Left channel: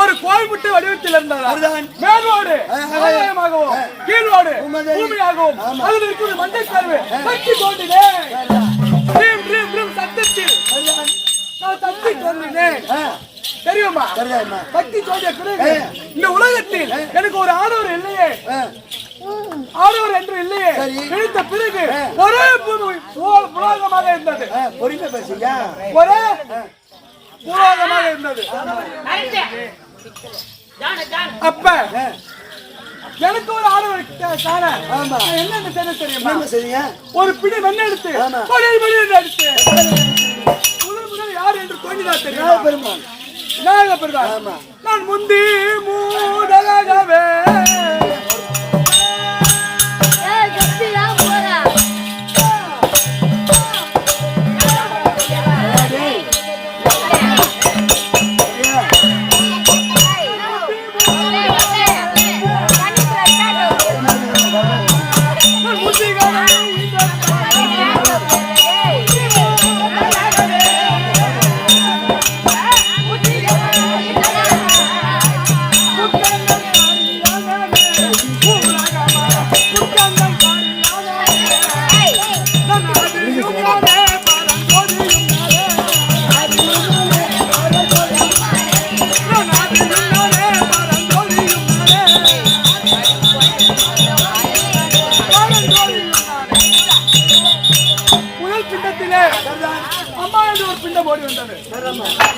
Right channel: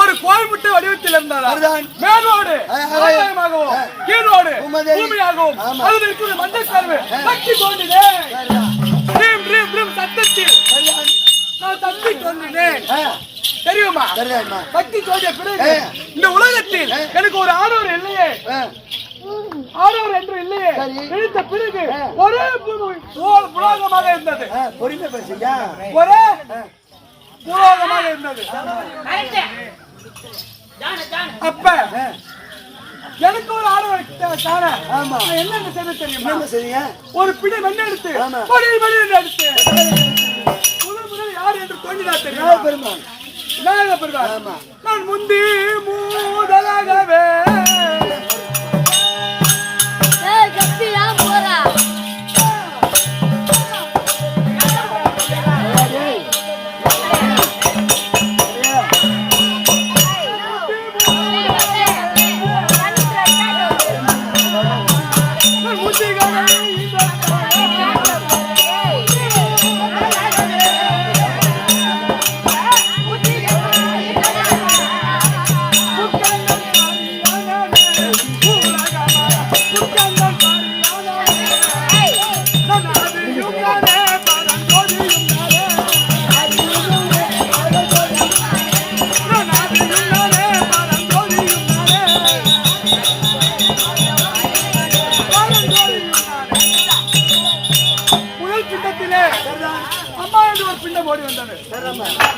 ஒரு கோல்முட்டை வடிவத்தில் இருந்தால் மேலோடு ஆகாயமாகவும் கீழோடு பூமியாகவும் அதில் இருக்கிற மஞ்சள் கருவு சக்தி தோன்றினேன். சத்தத்தில் நான் சக்தி தோன்றினேன் தெரியுமா? சக்தி தோன்றிய பிறகு இந்த உலகத்தில் எனக்கு ஒரு ஆடவர் இல்லையே, ஆடவர் என்று இல்லையே. கிடைத்த பிறகு ஒரே புலோகமாக இருந்தது, ஒரே புலோகமாக இருந்தது. அப்ப எனக்கு ஒரு ஆடவர் என்ன செய்ய தெரியுமா? ஒரு பிடி வெண்ணை எடுத்து எடுத்து முதல் யார் என்று தோன்றினார் தெரியுமா? பெருமாள், விநாயக பெருமாள். நான் முந்தி மூதலாகவே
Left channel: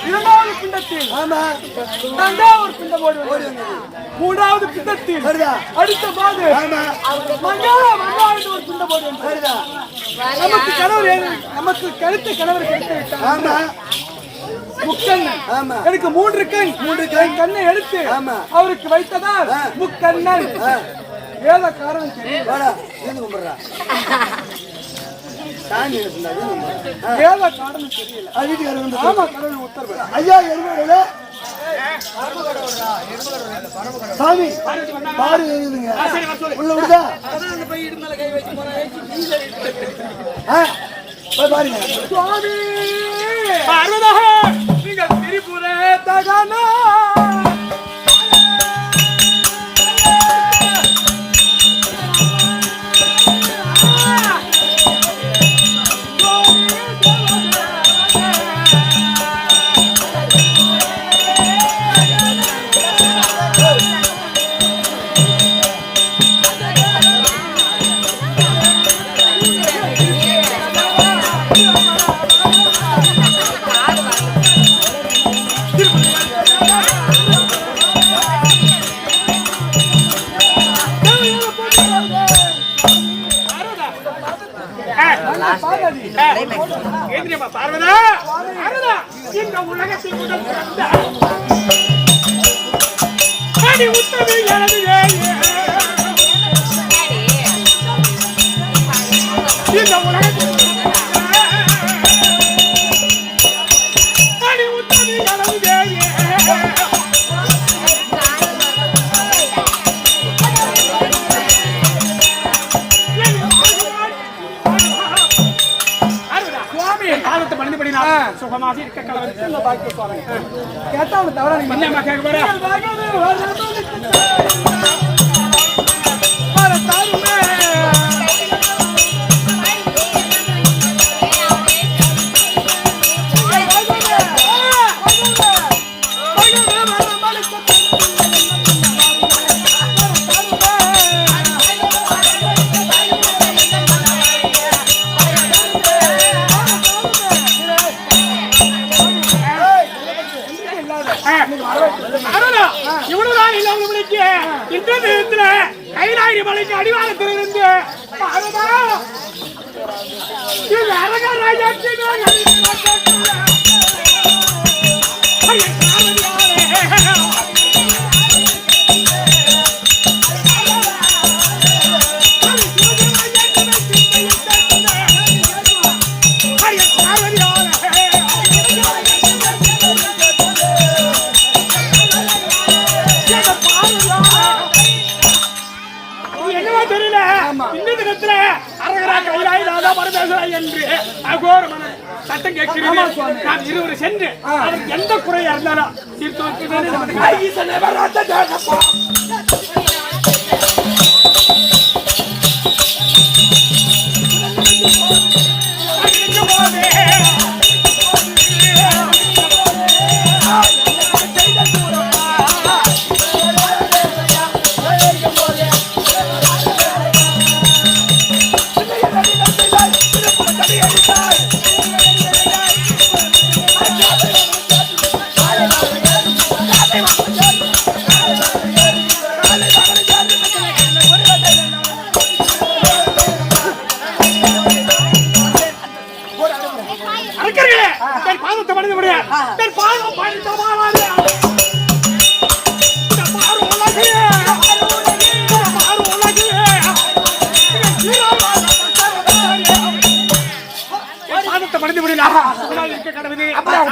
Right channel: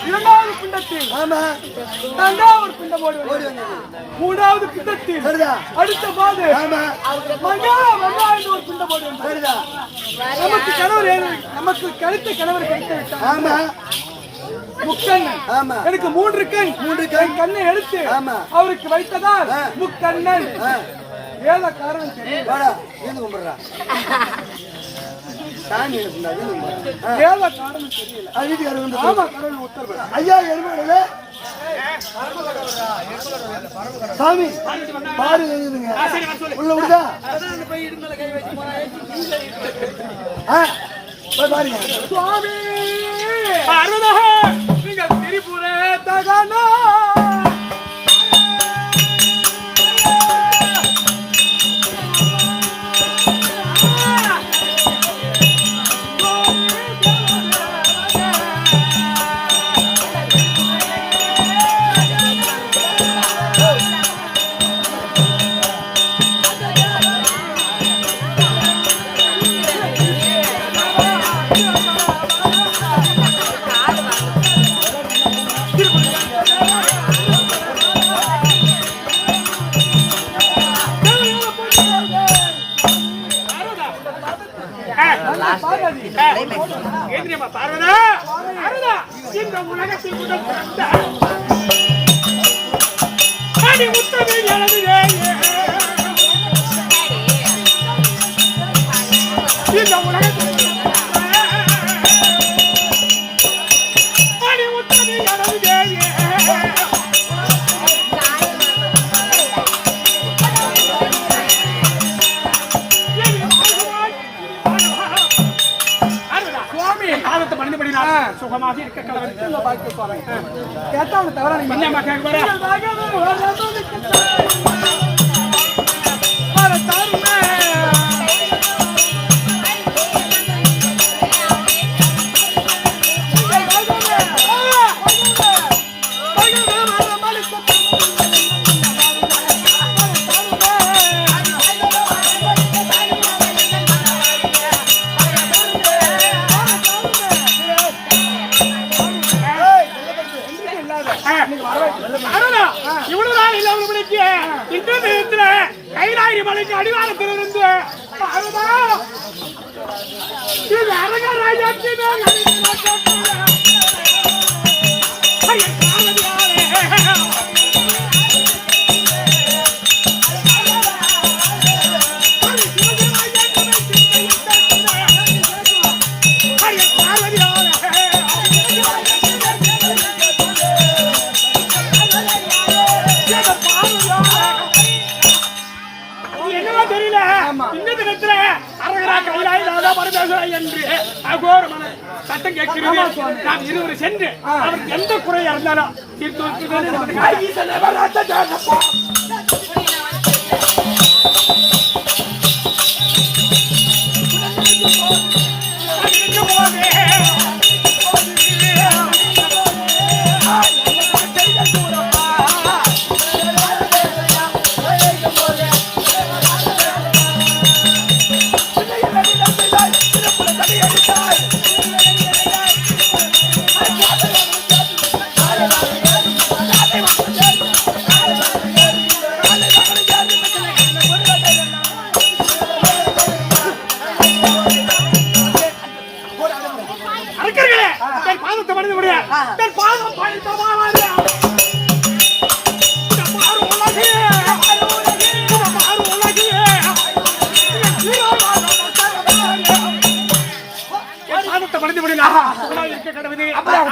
இரண்டாவது பிண்டத்தில் ஒரு பிண்டம் ஓடி வந்தது. மூன்றாவது பிண்டத்தில் அடுத்த மாது ஒரு பிண்டம் ஓடி வந்தது. நமக்கு கணவர் நமக்கு கிடைத்த கணவர் கிடைத்து விட்டார். முக்கண்ணன். எனக்கு மூன்று கண் கண்ணை எடுத்து அவருக்கு வைத்ததால் முக்கண்ணன். ஏத காரணம் தெரியல. சாமி பாரு உள்ள விடுதா பாருங்க. சுவாமி நீங்கள் திரிபுர தகனா பார்வதா, இந்த உலகத்தில் முதல் பிறந்த உத்தமி இந்த உலகத்தில் சுகமாக இருக்க கேட்டா தவறா கைலாயி மலைக்கு அடிவாரத்திலிருந்து தெரியல. இந்த தினத்துல அரகரா கைலாயி ராதா பரமேஸ்வரா என்று அகோரமான சட்டம் கேட்கிறது. நாம் இருவர் சென்று அவருக்கு எந்த குறையா இருந்தாலும் தீர்த்து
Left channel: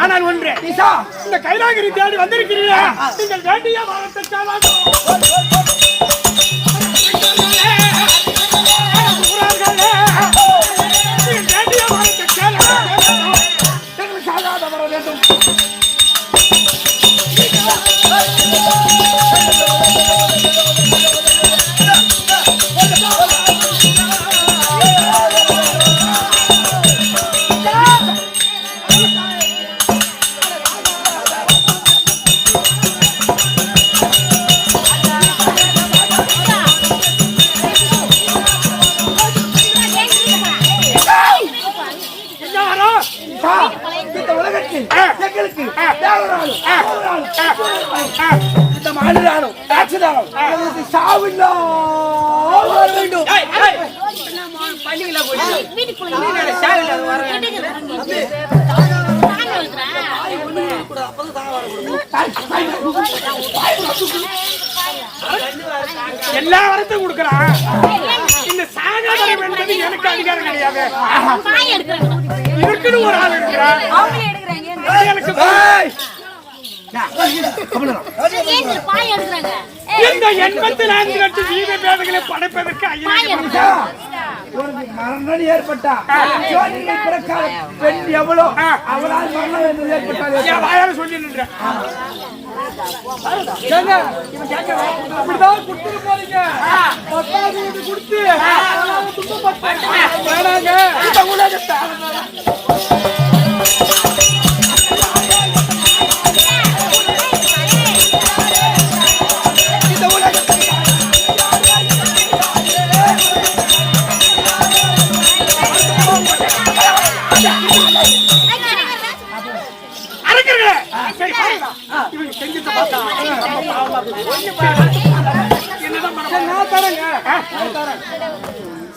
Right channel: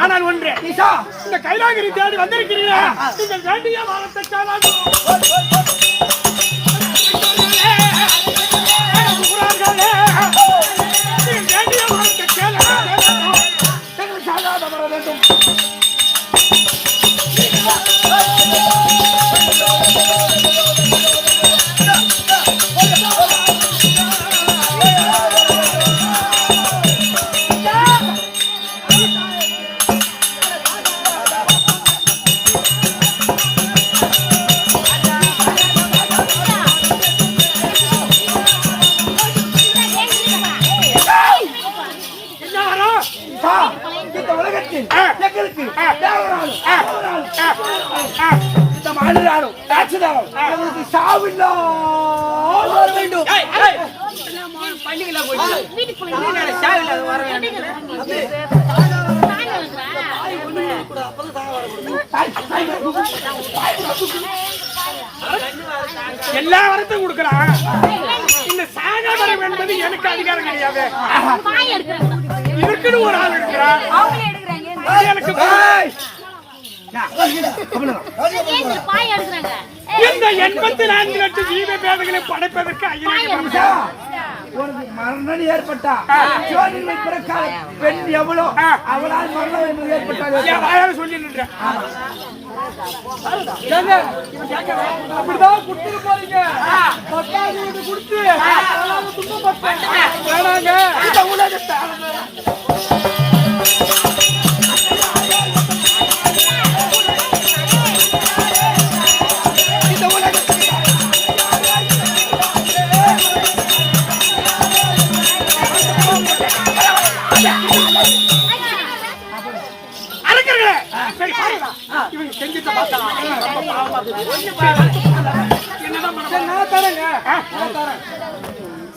ஆனால் ஒன்று, இந்த கைலாகிரி தேடி வந்திருக்கிறீர்கள். நீங்கள் வேண்டிய வாரத்தை வேண்டிய வாரத்தை கேளாத வர வேண்டும். எல்லா வரத்தையும் கொடுக்கிறான். இந்த சாகாதரம் என்பது எனக்கு அதிகாரம் கிடையாது. இருக்குன்னு ஒரு ஆள் இருக்கிறான். எனக்கு இந்த 84 லட்சம் ஜீவ பேதங்களை படைப்பதற்கு மரணம் ஏற்பட்டா பெண் எவ்வளோ அவளால் மரணம் ஏற்பட்டால் சொல்லி நின்றேன். அப்படிதான் கொடுத்துட்டு போறீங்க. 10வது வீடு கொடுத்து வேணாங்க.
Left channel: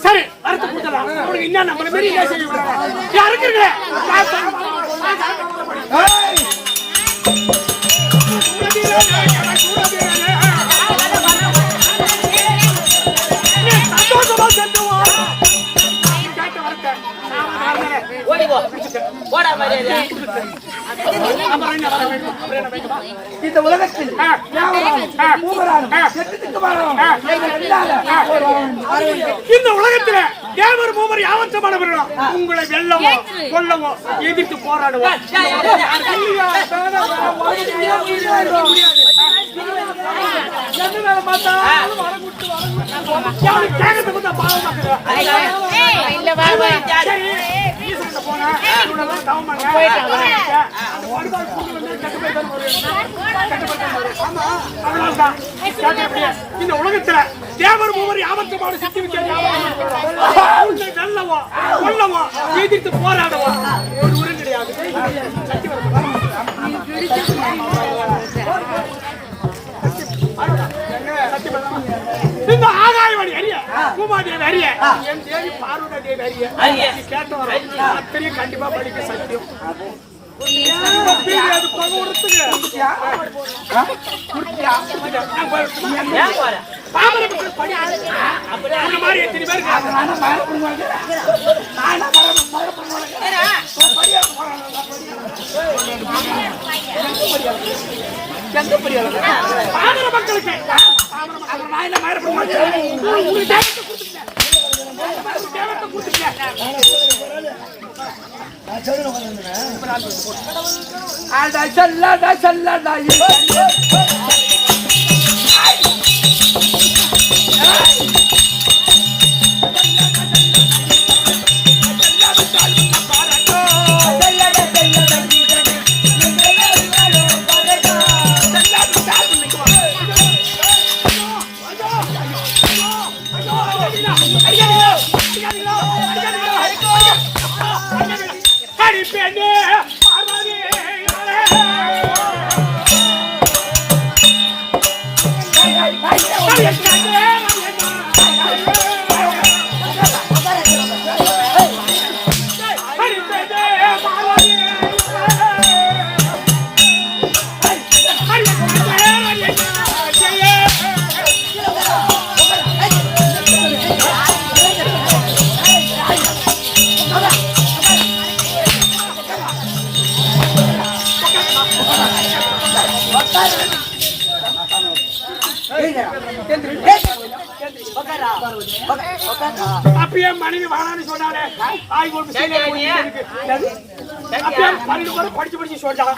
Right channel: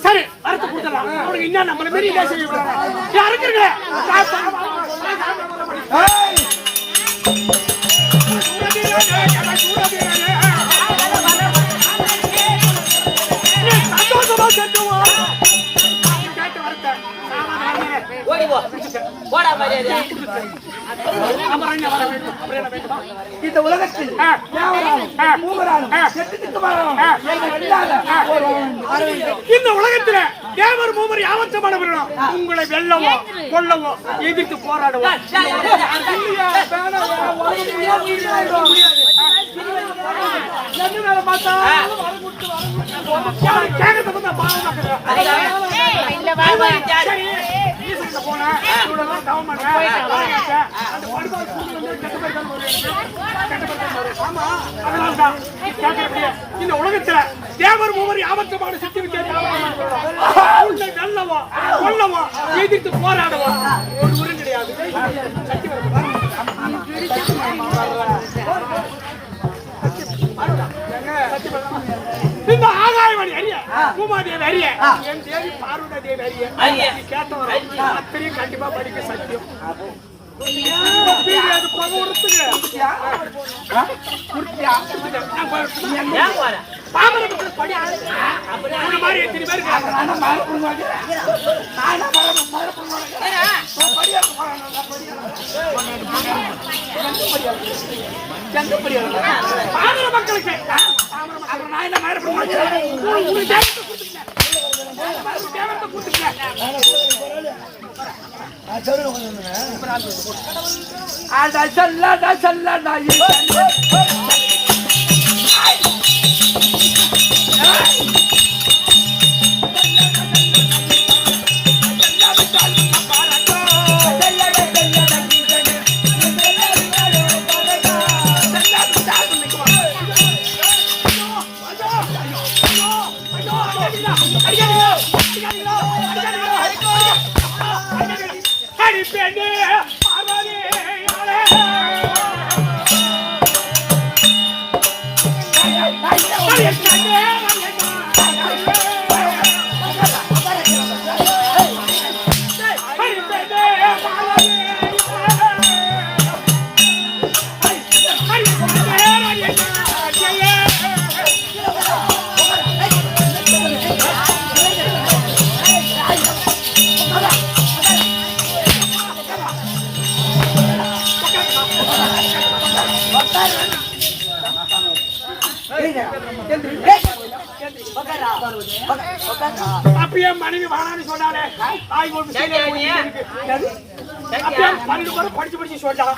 சரி, வரத்து கொடுத்தலாம். அவனுக்கு என்ன நம்மள மாரி என்ன செய்ய இருக்கிறீங்களே. சந்தோஷமா செல்லுவோம். கேட்ட வரத்த இந்த உலகத்தில் இந்த உலகத்துல தேவர் மூவர் யாவற்றமான உங்களை வெல்லவோ கொல்லவோ எதிர்த்து போராடுவோம். இந்த உலகத்துல தேவர் மூவர் யாவற்றமான சித்தி வித்தியாசம் வெல்லவோ கொல்லவோ எதிர்த்து போராடுவோம். ஒரு உரு கிடையாது. இந்த ஆகாயவாணி அறிய பூமாதேவி அறிய என் தேவி பார்வதா தேவி அறிய கேட்ட வரும். அத்தனையும் கண்டிப்பா படிக்க சத்தியம். மக்களுக்கு அட சொல்லடா சொல்லடா அப்படியே மனைவி வாழான்னு சொன்னாலே தாய் ஒரு படிச்சு படிச்சு சொல்றான்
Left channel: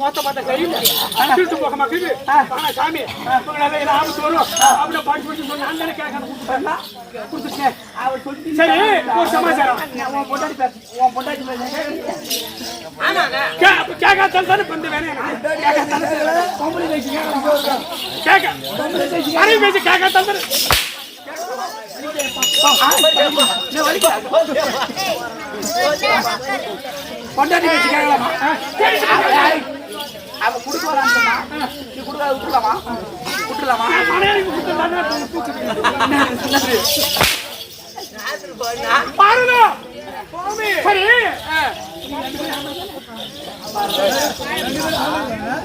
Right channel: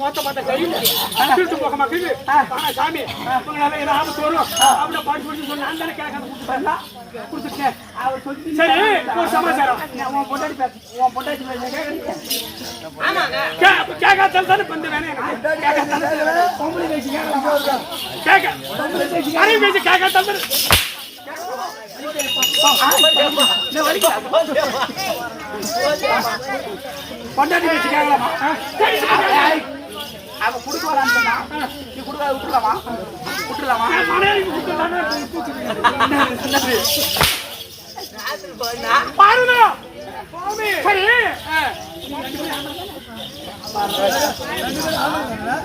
மொத்த பார்த்தா கையில் போக மாட்டேங்குது சாமி ஆபத்து வரும் அப்படியே படிச்சு படிச்சு சொன்ன அந்த கேட்காத கொடுத்துட்டா கொடுத்துட்டேன் அவர் சொல்லி சரி ஒரு சமாச்சாரம் உன் பொண்டாட்டி கேட்காத தானே பந்து வேணும் பொம்பளை பேசி கேட்க மனைவி பேசி கேட்காத பொண்டாட்டி பேசி கேட்கலாமா அவ குடுக்க வரான்னு சொன்னா நீ குடுக்க விட்டுலாமா பாருங்க சரி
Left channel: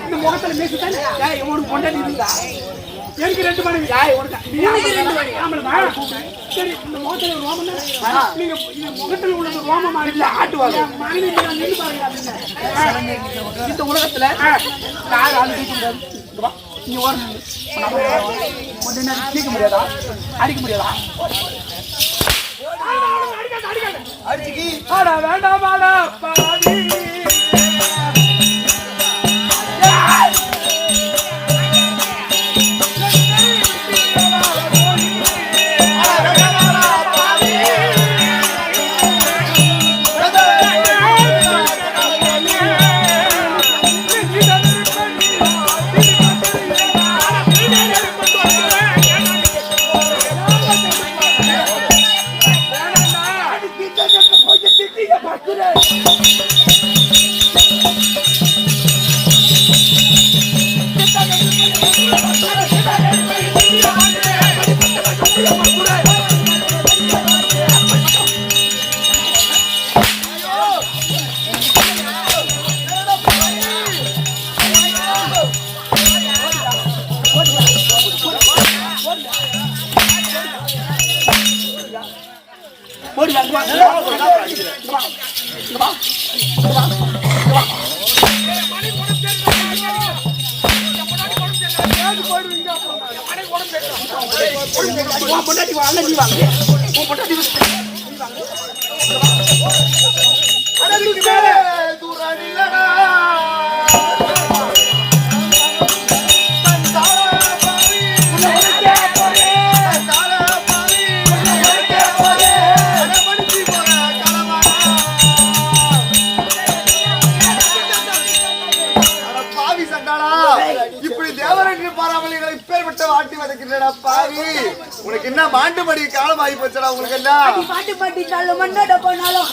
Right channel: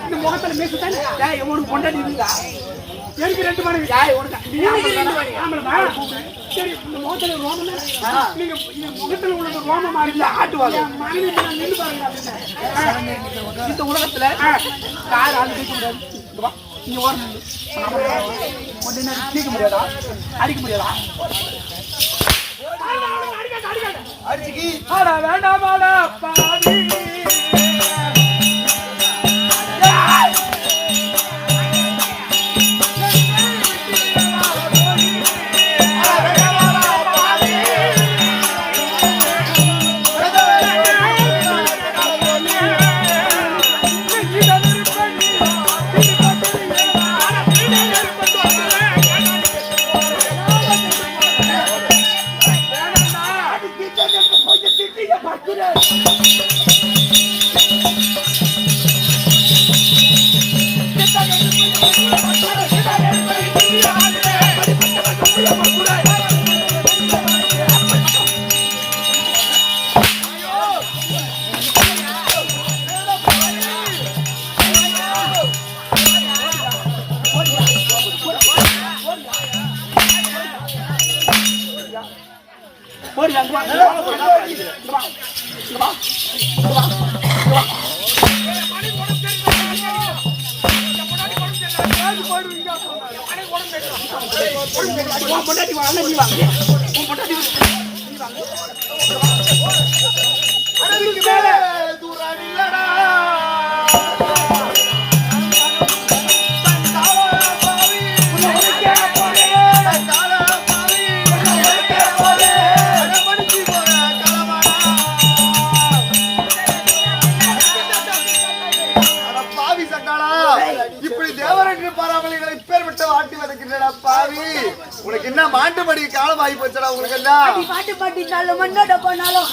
இந்த முகத்துல மேசுத்தானே உனக்கு பொண்டாட்டி இருந்தா எனக்கு 2 மனைவி சரி இந்த முகத்துல ரோமம் நீங்க முகத்துல உள்ளது ரோமமா இல்ல ஆட்டுவாங்க மனைவி நின்று பாருங்க இந்த உலகத்துல கார் ஆள் தூக்க முடியாது நீங்க ஓரணும் கொஞ்ச நேரம் தூக்க முடியாதா அடிக்க முடியாதா அடிக்க வேண்டாம் வாடா பாடி இப்படி தேவரன்று பாராமலிகளை பேர் விட்டு வாட்டி வதக்கின்றடா பாவி. உனக்கு என்ன மாண்டு மடி காலம் ஆகி போச்சடா உங்களுக்கு என்ன பாட்டு பாட்டி காலம் மண்ணட போனாலும்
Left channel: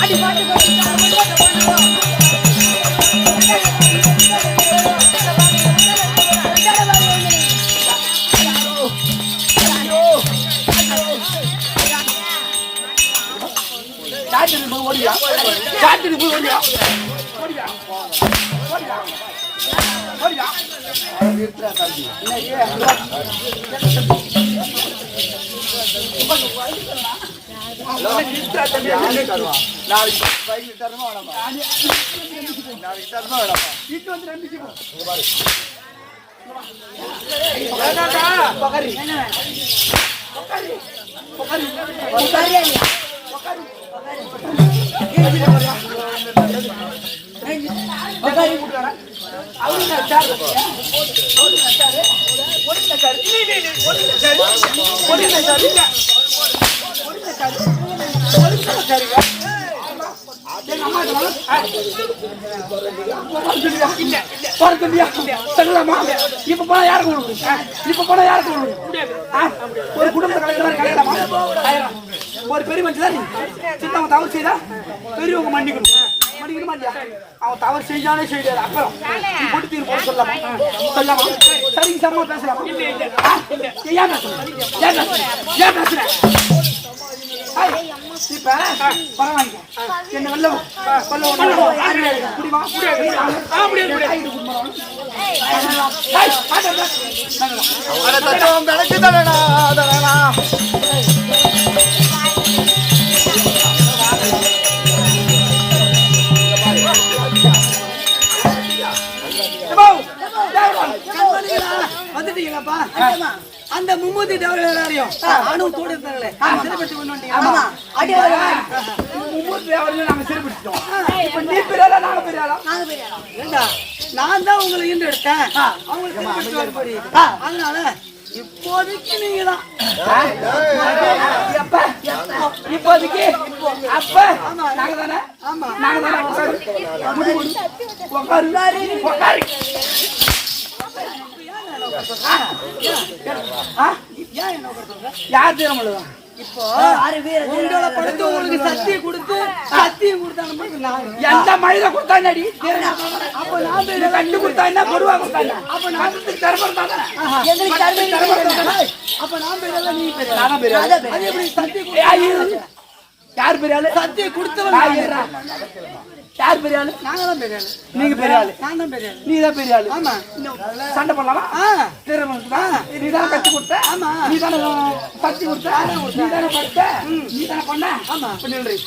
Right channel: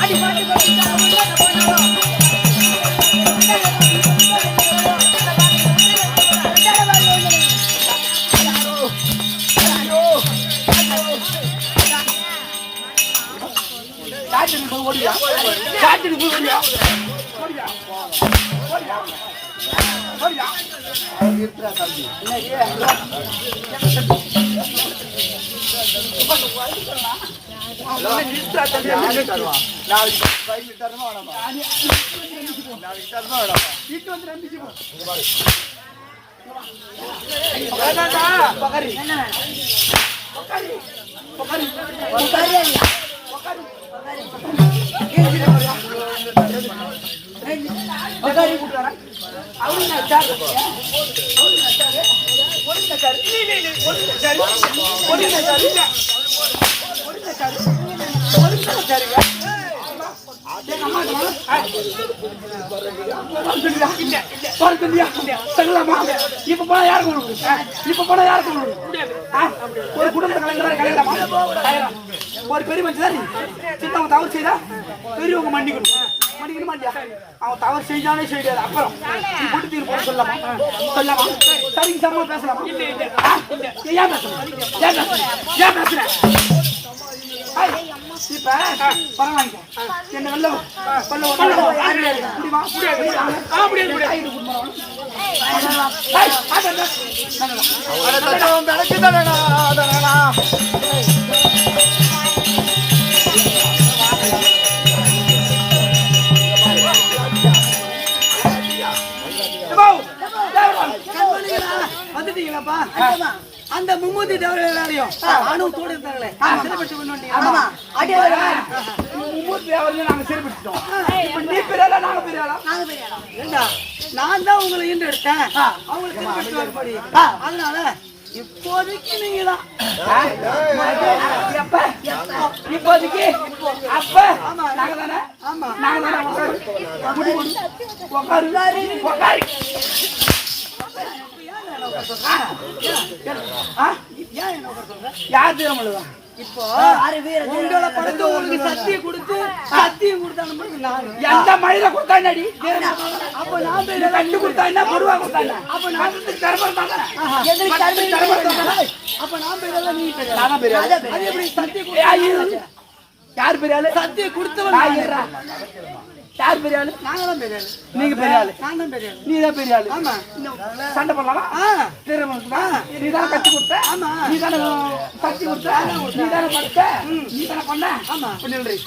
அடி பாட்டு பாட்டி காலம் மண்ணட போனாலும் இப்ப போனா யாருக்கு ஒரு குடும்பத்தை கலைஞரமா ஒரு பெரிய மனுஷன் சித்தவன் தவறு செய்தா பெரியவங்க மன்னிக்கணுமா இல்லையா? அவன் தவறு செஞ்சானே செய்யாது. அப்புறம் நீ போட்டு தீர்ப்பு போட சொல்லலாமா சரிங்க சமமா பேசலாமா? ஏன் பேசுறேன் இப்ப பரவாயில்ல என்ன வெள்ள வந்துட்டீங்களாப்பா? அந்த மும்மூர்த்தி தேவர்கள் எல்லாரையும் ஆணவத்தோடு இருந்தாங்களே சிறைப்படுத்தி கொண்டு வந்தீங்க. மும்மூர்த்தி தேவர்கள் நாங்க சிறைப்படுத்திட்டோம். இப்ப நீ பெரியாளா நாங்க பெரியாளா? ஏண்டா நான் தான் உங்களை ஈண்டு எடுத்தேன், அவங்களுக்கு சிறைப்படுத்தி வரப்படி. அதனால இப்போதைக்கு நீங்க தான் இப்போதைக்கு அப்ப நாங்க தானே யார் தெரியுமா? இப்போ உங்களை படுத்து உங்களுக்கு சத்தியம் கொடுத்தாங்க. எந்த மழையில கொடுத்தா நடி அப்ப நான் கண்டு கொடுத்தா என்ன பொருவா கொடுத்தாங்க. அப்ப நான் அப்ப நான் பெரிய நீ பெரிய சத்தியம் யார் பெரிய ஆளு? சத்தியம் கொடுத்தவன் யார் பெரிய ஆளு? நாங்க தான் பெரிய ஆளு. நீங்க பெரிய ஆளு, நான் தான் பெரிய ஆளு. நீ தான் பெரிய ஆளு. ஆமா. சண்டை போடலாமா? நீ தானே கட்டி கொடுத்த. ஆமா. நீ தானே கட்டி கொடுத்த. நீ தானே படுத்த. நீ தானே பண்ண. ஆமா. சொல்றீ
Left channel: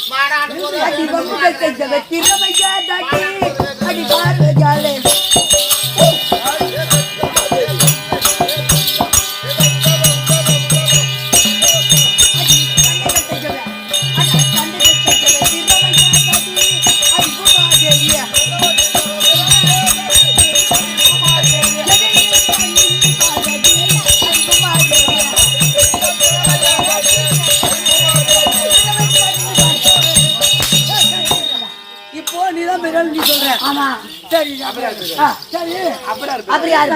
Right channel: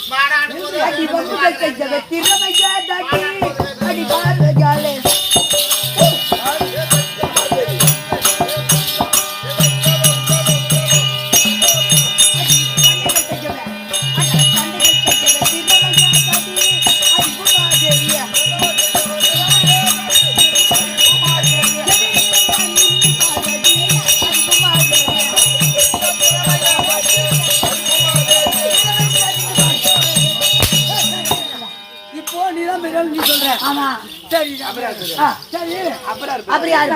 நீ சொல்ற. ஆமா சரி சரி அப்படி யாரு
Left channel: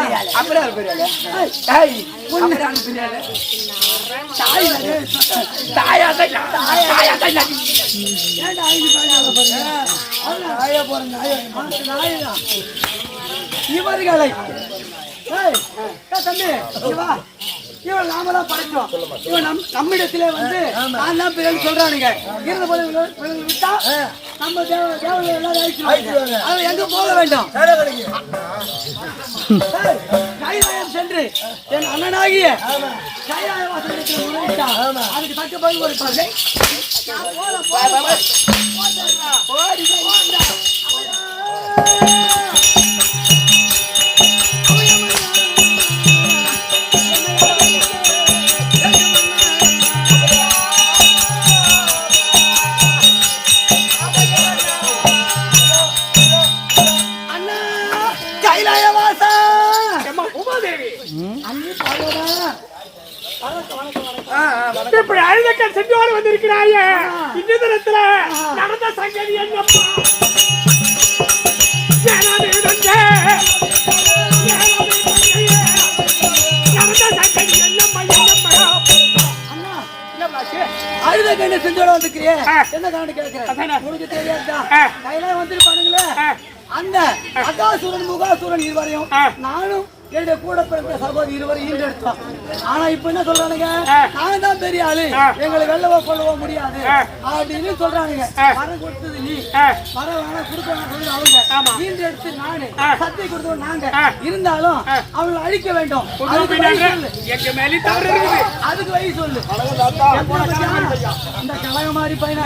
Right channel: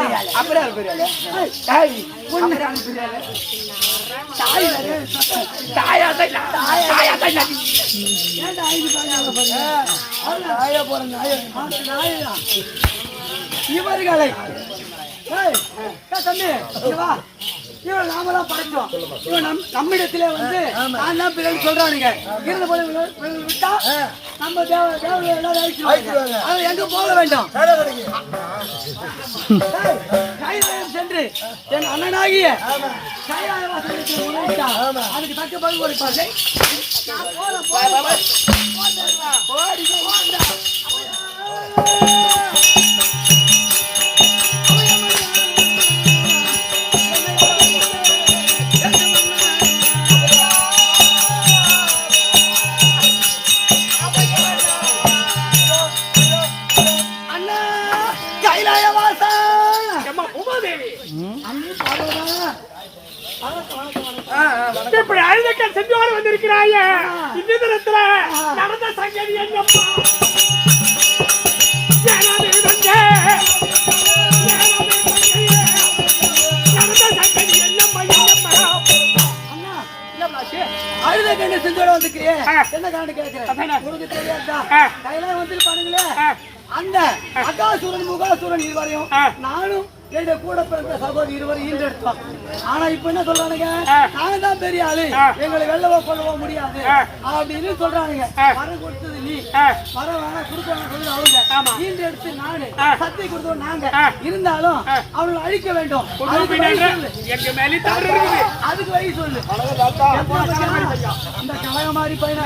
இவர்களை தம்பி வா, இவன் நாமதான் படைச்சோம். இவன் நம்மிடத்திலே வந்து நான் தான் பிறகு சொல்றானுங்க. இருந்த போது விட்டா நம்ம எங்க போக வேண்டும்? கைலாயம் சென்று என் அண்ணனாகிய கைலாய வாசகத்தில் அதுக்கு தக்க பதில் கொடுப்பார்கள். இப்படி அழுதக்க செஞ்சோடு வந்திருக்கிறாய இந்த தினத்துல நடந்த சங்கதி என்னப்பா? அழுத செஞ்சோட வந்துக்கிறேன். என்ன காரணம் கேட்கிறேன்? உனக்கு தெரியாதா? கையில வந்துருப்பானுங்களே அந்த அகாசுரன் முகாசுரன் இருவரையும் நானும் என்னுடைய கூட பிறந்த சகோதரி இருவரும் ஈண்டெடுத்தோம். ஆனா இப்ப என்ன சொல்றானுங்க? நான் தான் பெரிய ஆளு, எங்களை வெல்லவோ கொள்ளவோ முடியாது அப்படின்னு சொல்றானுங்க. வரம் கொடுத்தது நீ, வரம் வேணா கொடுக்க சொல்லி அவங்க ஈண்டெடுத்து நானு, சத்தியம் கொடுத்தோம் நாங்க. இருந்தாலும் அவங்களை அழிக்க வேண்டும். அதுக்கு வழி சொல்லு. இந்த கலக மாதிரி பையனா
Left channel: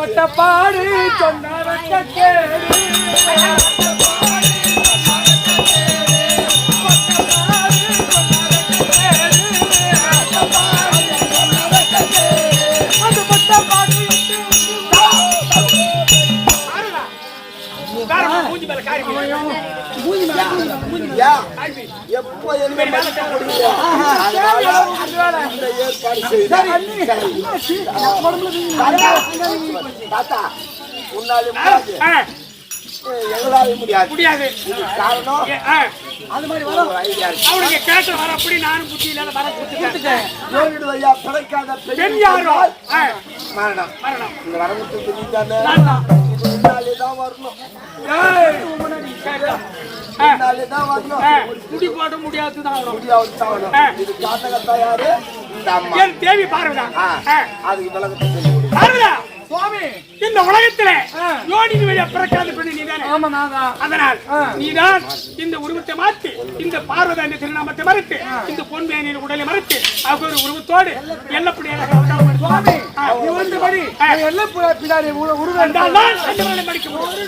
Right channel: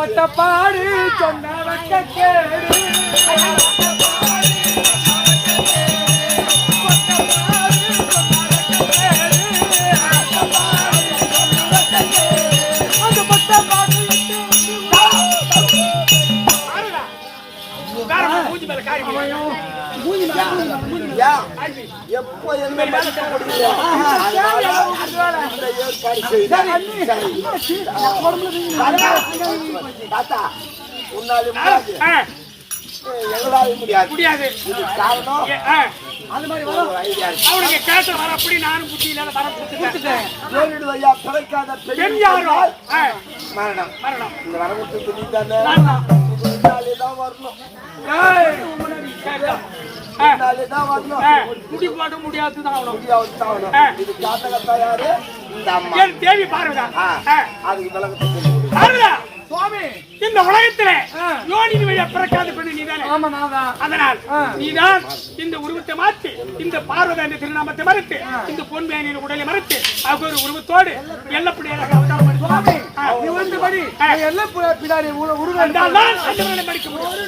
பட்டப்பாடு சொன்ன இல்லையா? எப்போ என்ன மதிக்க முடியல. அதனால இந்த ஏற்பாடு செய்தேன். தாத்தா, உன்னாலே முடியாது, எங்களாலே முடியாது. காரணம் அது மாதிரி வரும். அவனுக்கு கேட்ட வர அப்படி நானும் புத்தி இல்லாத வர கொடுத்துட்டேன். ஐயா பிறக்காத பெண் யாரோ மரணம் மரணம் இந்த வர கொடுத்து நீ தானே தான் வரணும். முடி போட முடியாதுதான் இது காட்டகத்தா யாரு? இந்த அம்மா தேவி பார்வதா. அதுக்கு விளக்கத்தை சொல்லி பார்வதா சுவாமி, இந்த உலகத்திலே யோனின் வழியா பிறக்காத பெண்ணு நீதானே? ஆமா நான் தான். அதனால் நீதான் இந்த உருவத்தை மாற்றி இந்த பார்வதா என்ற திருநாமத்தை மறுத்து இந்த பொன்மேனியின் உடலை மறுத்து அவர் ஒரு உருவத்தோடு எல்லப்படியாக அவதாரம் எடுத்து சுவாமி நீ ஒன்றுபடி எல்லாம் பின்னாடி உருவம் அந்த படிக்க முடியும்.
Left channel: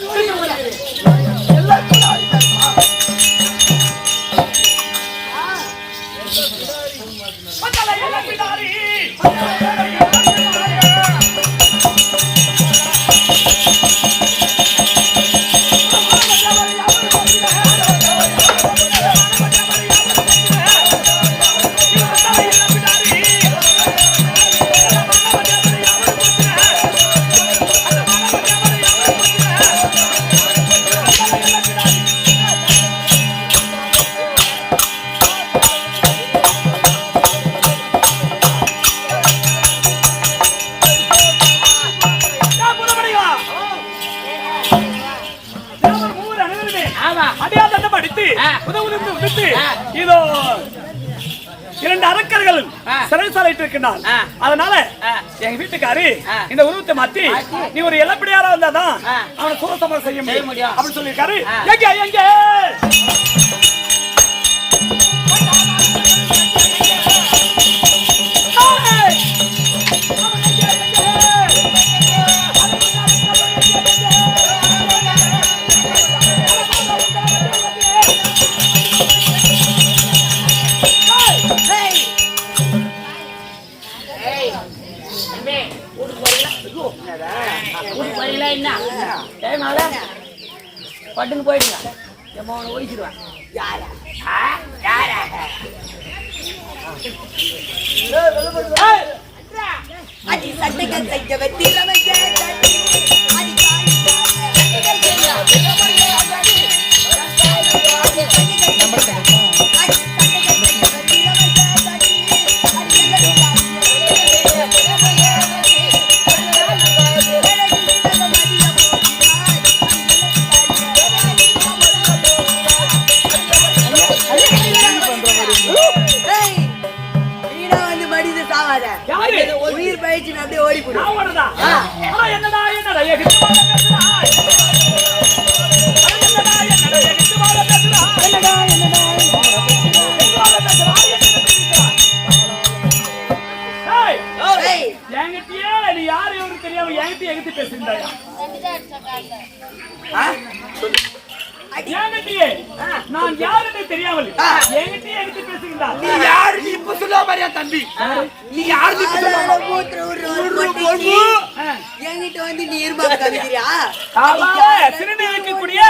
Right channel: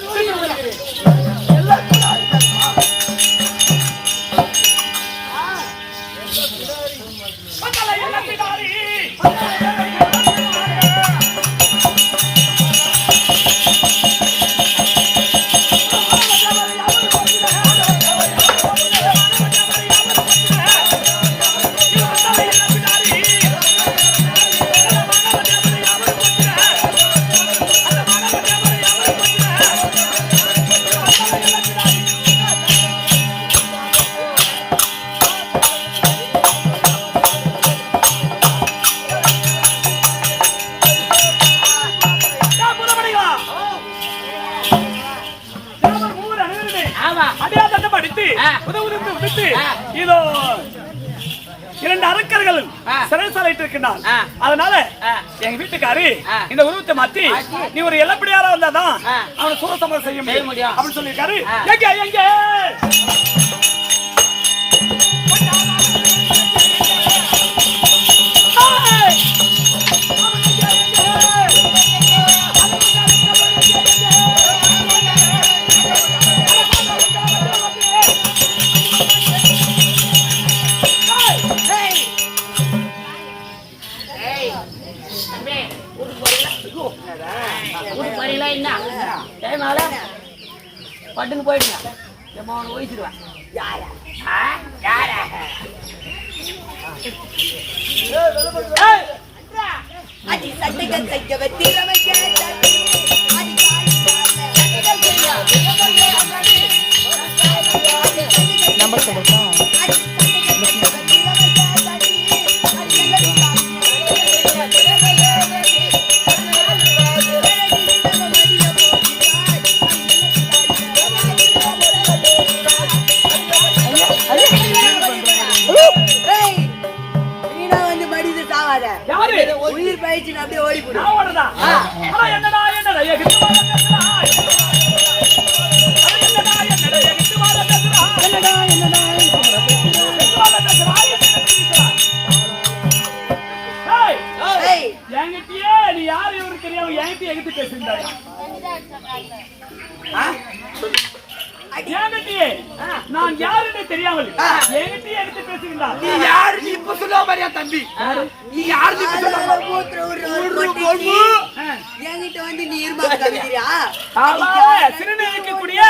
இதோ 2 அரக்கர்கள் சிறைசாலைட்டு இருக்கின்றான். அதனால எங்க வீட்டுக்காரு இந்த உருவத்தை மாத்தி நீ ஒரு எல்லப்படியாரா வந்தாதான் அவனை சூரசமரம் செய்ய முடியும் அப்படின்னு சொல்லியிருக்காரு. எங்க எங்க பட்டுன்னு போயிடுங்க. அவனை ஒழிச்சிடுவேன். அடி சட்டைகள் தைக்க வெற்றிலமைக்க உயிர் பயிற்சி அப்படியே ஓடி போடும். என்னடா என்கிட்டயே நீ யாரு இவரு தெரியாம என்கிட்ட எகிட்டு பேசுறாயா? நான் யாருன்னு தெரியாமல் என்கிட்ட எகிட்டு பேசுகிறார். நீ யாரு? நீ இப்ப சொல்ல மாதிரியா தம்பி? நீ யாரு? என்கிட்ட வந்து நீ இருமா கவிக்கிறியா? சிறுநீர் வைக்கக்கூடிய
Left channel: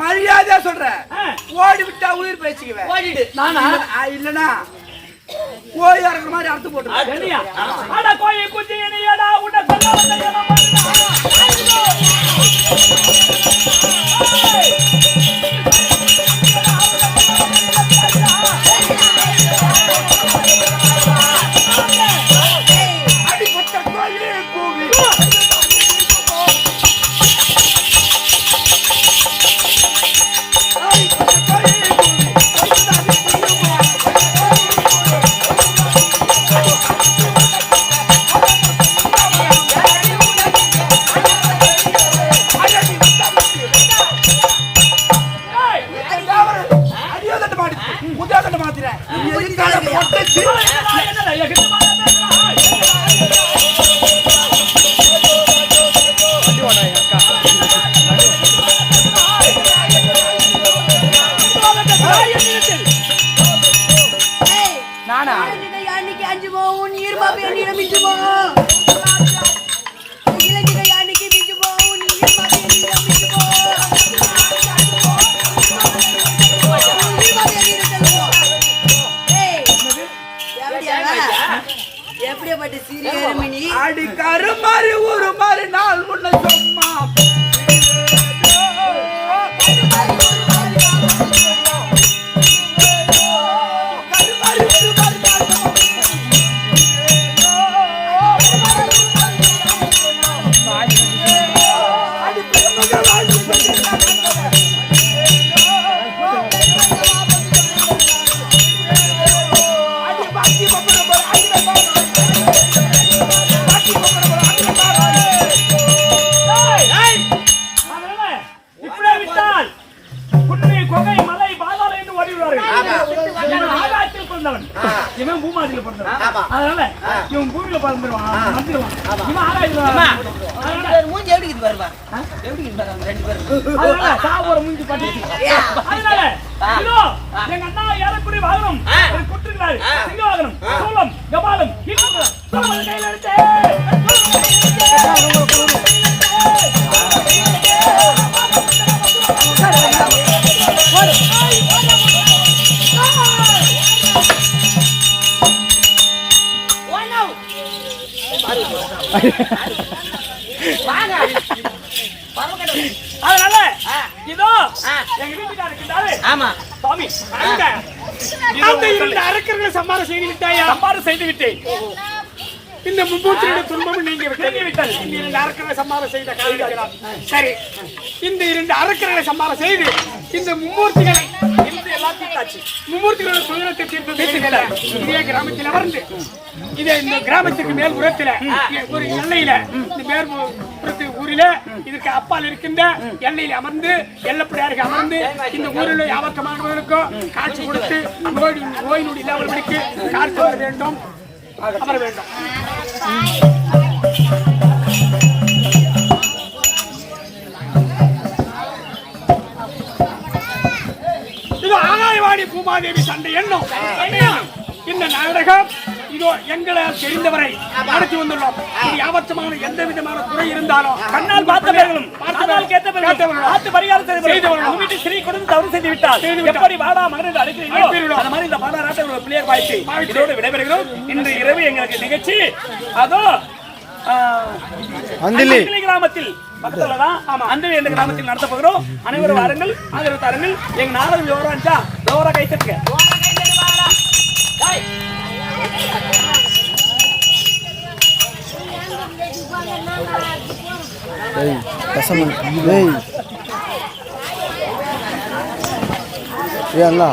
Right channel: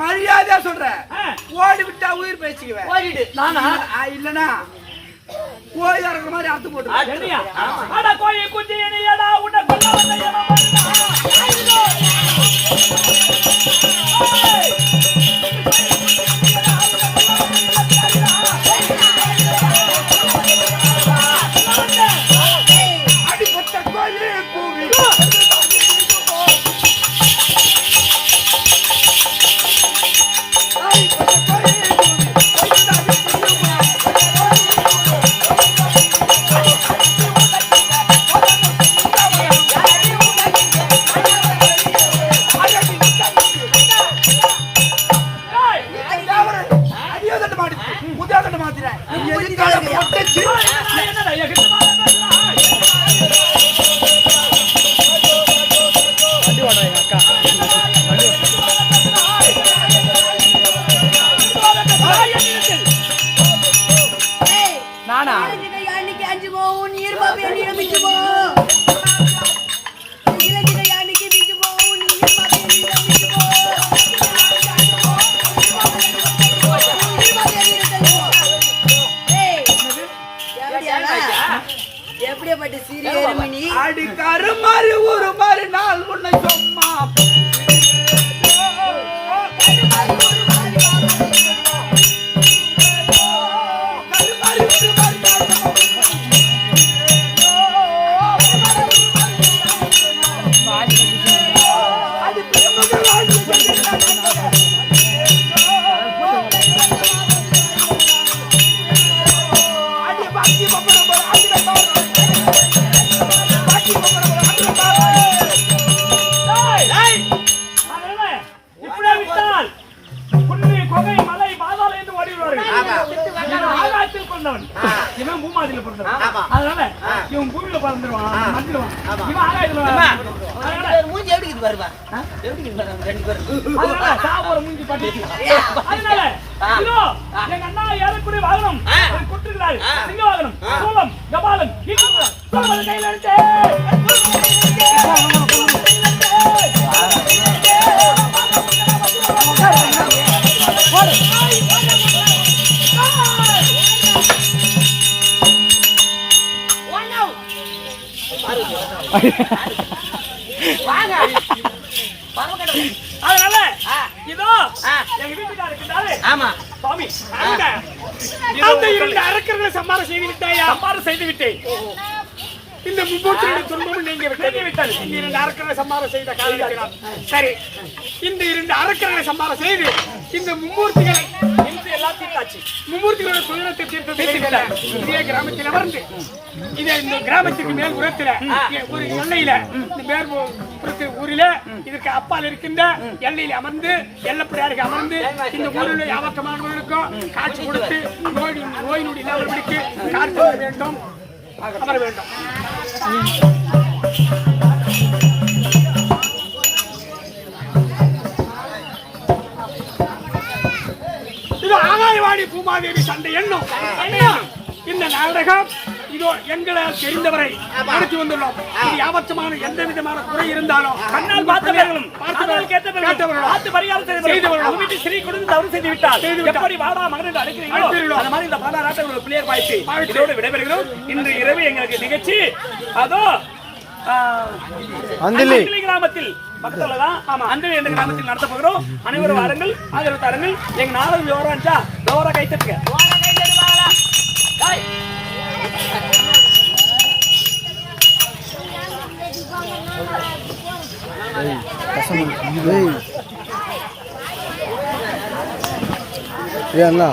மரியாதையா சொல்றேன். ஓடி விட்டா உயிர் பேசிக்குவேன். ஓடிடு. நானா இல்லனா கோயிலா இருக்கிற மாதிரி அர்த்தம் போட்டு. அட கோயில் குஞ்சி என்னடா உன்னை சொல்ல வந்தேன். மாடி முதாகட்ட மாத்திர பொட்டச்சு என்னடா எகிட்ட எப்படியாப்பட்ட சீரியல் அடி கரு மாதிரி ஒரு மாதிரி நாள் உன்னை சும்மா இவன் பூமாதியில பிறந்தவன் அதனால இவன் பூமியில பிறந்துருவான் வந்துருவான் இவன் ஆகாயத்துல மூஞ்சி எப்படி வருவா அதனால சாவோர மூஞ்சி பாட்டு அதனால இதோ எங்க அண்ணா ஏறக்கூடிய வாகனம் கொடுத்திருக்கிறாரு சிங்க வாகனம் சோளம் கபாலம் சோளம் கையில எடுத்து அதனால இதோ எங்க வீட்டுக்கார இருக்கின்றாரு ஆமா சுவாமி அந்த இரண்டு அரக்கர்களை சம்பாரம் செய்து விட்டாயா சம்பாரம் செய்து விட்டேன் இந்த மும்மூர்த்தியுடைய துன்பமும் நீங்க விட்டது இந்த இரண்டு அரக்கர்களை சம்பாரம் செய்த காரணம் சரி இந்த இரண்டு அரக்கர்களை சம்பாரம் செய்து இந்த மும்மூர்த்திகளை இன்று எல்லாம் தீர்த்தாச்சு மும்மூர்த்திகளோட துயரத்தை தீர்த்தது இதே கிராமத்தில் அமர்ந்து இதே இந்த கிராமத்துக்கு மேல் புறத்துல ஒரு எல்லையில இந்த மேற்புறத்து ஊரில இதற்கு அப்பால் இருக்கின்ற எல்லையில அமர்ந்து எல்லப்படியாருக்கு அமர்ந்து இந்த ஊரில் யாவக்கமானவர்களுக்கும் காட்சி கொடுத்து நோய் நொடி இல்லாமல் படிக்கு காட்சி வர வேண்டும் அமர வேண்டும் இது ஆகாயவாணி பூமாதேவி சண்டை எண்ணம் இந்த நாடகம் இதோ எங்களால் தெரிந்தவரை நடத்தி வந்துள்ளோம் யாவற்றமான எந்த விதமான குறை இருந்தாலும் கண்ணால் பார்த்தவர்களும் காதால் கேட்டவர்களும் பார்த்து பரிகாரம் செய்தவர்களும் வீட்டு ஸ்ரீ கொடுத்து தவறு செய்து விட்டால் எப்படி வாடா மகன் அழைக்கிறீங்களோ அந்த மாதிரி இந்த பாலாராட்ட ஒரு பிள்ளையர் வாய்ப்பு இதோடு விடைபெறுகிறோம். இன்று இரவு எங்களுக்கு நிகழ்ச்சி அதோ அந்திலி கிராமத்தில் பக்கத்துலதான் அந்திலி என்ற கிராமத்தில் நடத்த போகிறோம். அனைவரும் வாருங்கள், ஆதரவு தாருங்கள். எங்க நாளது விவரம்ச்சா விவரா கைத்தட்டுங்க. ஏன்னா